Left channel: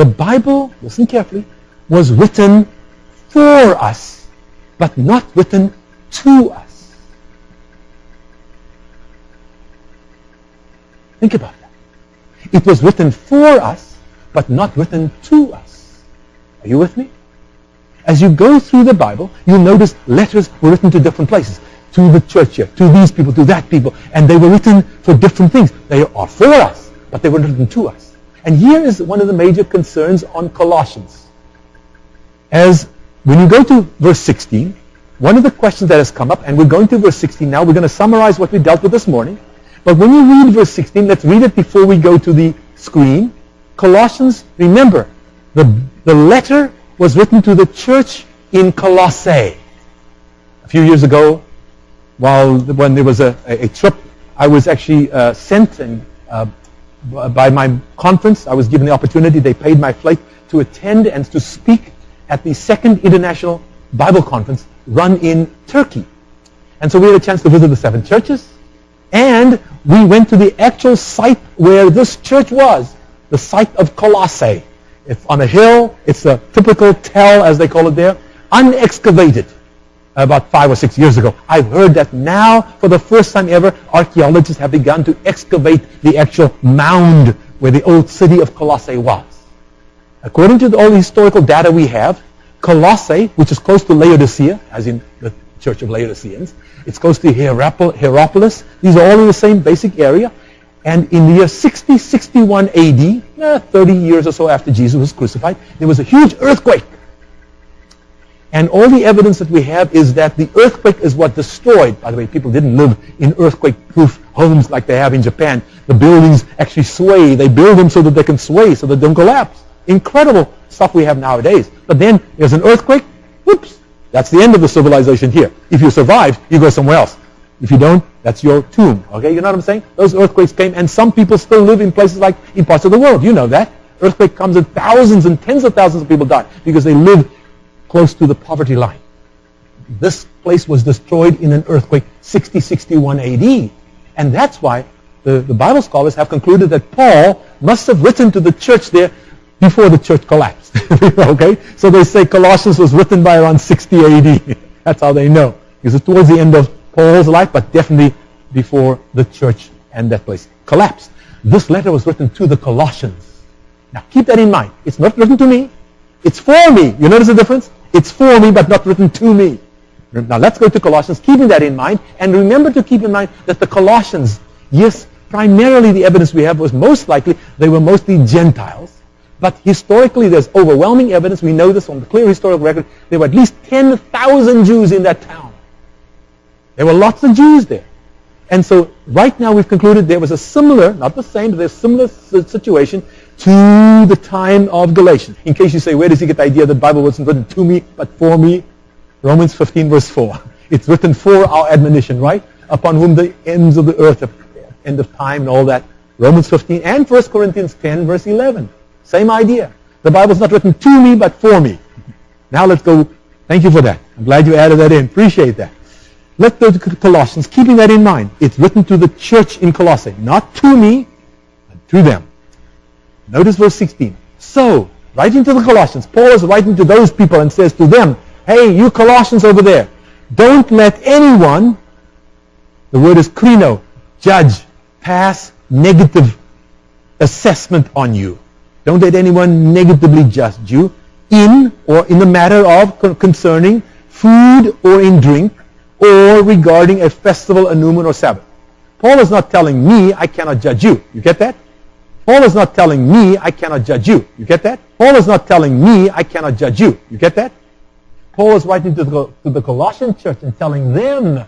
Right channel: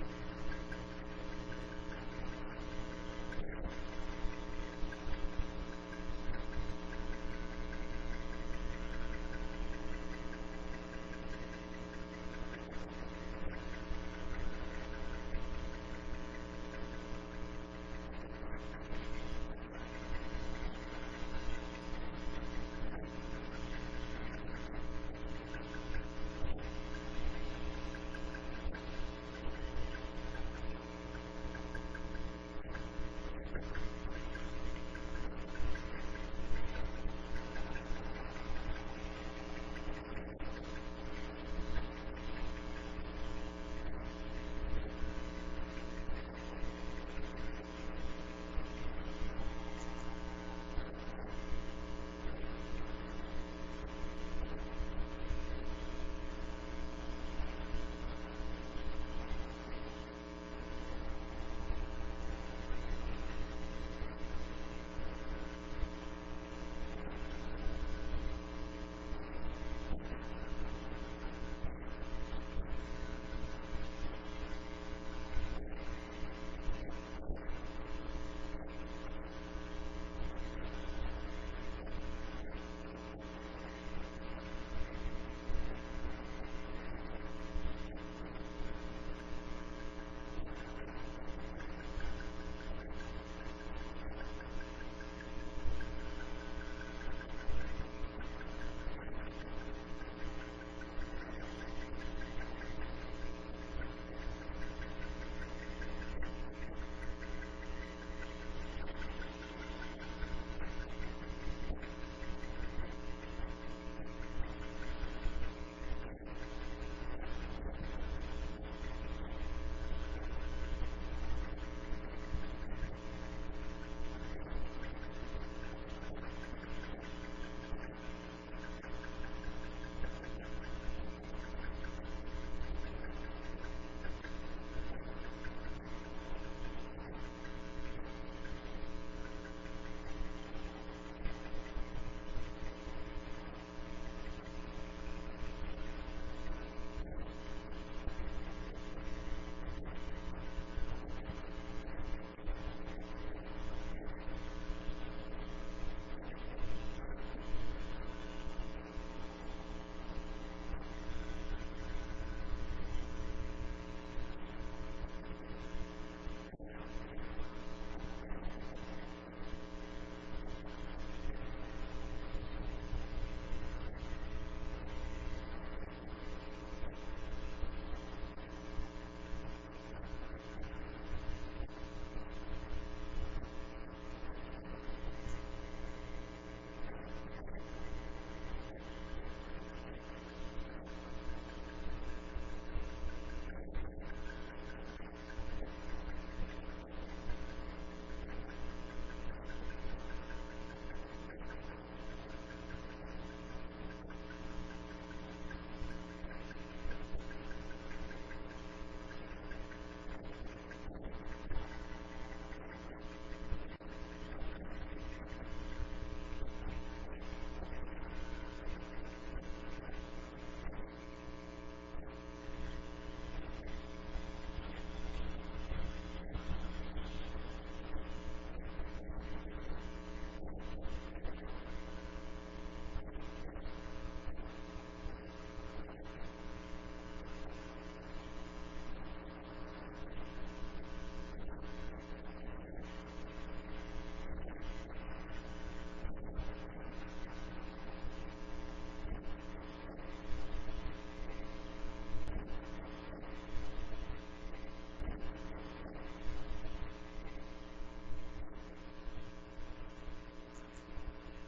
The Bible, listen carefully, was written for us, but not written to us. Think about that. It was written for us, but not written to us. Are you with me? As you go through the Bible, you'll notice letters were written to different places. To the church here, to these people, to that people. And they were written for different things. They are for us, but they were written to us. And here is one of the major concerns on Colossians. As when you go to verse 16, one of the questions that has come up, and we're going to verse 16 now, we're going to summarize what we dealt with this morning. But when you read verse 16, let's read it before we go to the screen. Colossians, remember, the letter was written to the church in Colossae. A few years ago, when there was a trip, I was actually sent, and by my conference, I was given the opportunity, they paid my flight to attend and to speak at the second International Bible Conference run in Turkey. And so we had a chance to visit the 7 churches, and we went to the actual site where this church was, the site of Colossae. It's on a hill. It's a typical tell, as they call it there, unexcavated. About 5 or 6 years ago. I've heard that now, for the first time ever, archaeologists have begun to excavate the actual mound where the old city of Colossae was. According to all the historical data we have, Colossae, which is close to Laodicea, as in the Church of Laodiceans, it's close to Hierapolis. These are all in the same basic area. And in the year 60-61 AD, 30 years or so after Jesus was crucified, there was a huge earthquake. And all the evidence that we have is that the earthquake is what destroyed. By the way, people didn't live in earthquake-proof homes like they have in Japan. The buildings actually sway. They build them so that they can sway, so that they don't collapse. Incredible stuff we have nowadays. But then there's an earthquake. Whoops. That's the end of the civilization here. If you survive, you go somewhere else. If you don't, that's your tomb. Okay, you know what I'm saying? Those earthquakes came, and some people still live in places like in parts of the world. You know that. Earthquake comes and thousands and tens of thousands of people die because they live close to the poverty line. This place was destroyed in an earthquake 60-61 AD. And that's why the Bible scholars have concluded that Paul must have written to the church there before the church collapsed. Okay? So they say Colossians was written by around 60 AD. That's how they know. Because it's towards the end of Paul's life, but definitely before the church and that place collapsed. This letter was written to the Colossians. Now keep that in mind. It's not written to me. It's for me. You notice the difference? It's for me, but not written to me. Now let's go to Colossians, keeping that in mind. And remember to keep in mind that the Colossians, yes, primarily the evidence we have was most likely they were mostly Gentiles. But historically, there's overwhelming evidence. We know this from the clear historical record. There were at least 10,000 Jews in that town. There were lots of Jews there. And so right now we've concluded there was a similar, not the same, but there's a similar situation to the time of Galatians. In case you say, where does he get the idea that the Bible wasn't written to me, but for me? Romans 15, verse 4. It's written for our admonition, right? Upon whom the ends of the earth, end of time and all that. Romans 15 and 1 Corinthians 10, verse 11. Same idea. The Bible's not written to me, but for me. Now let's go. Thank you for that. I'm glad you added that in. Appreciate that. Let's go to Colossians, keeping that in mind. It's written to the church in Colossae, not to me, but to them. Notice verse 16. So, writing to the Colossians, Paul is writing to those people and says to them, hey, you Colossians over there, don't let anyone, the word is krino, judge, pass negative assessment on you. Don't let anyone negatively judge you in the matter of concerning food or in drink or regarding a festival, a new moon, or Sabbath. Paul is not telling me I cannot judge you. You get that? Paul is not telling me I cannot judge you. You get that? Paul is not telling me I cannot judge you. You get that? Paul is writing to the Colossian church and telling them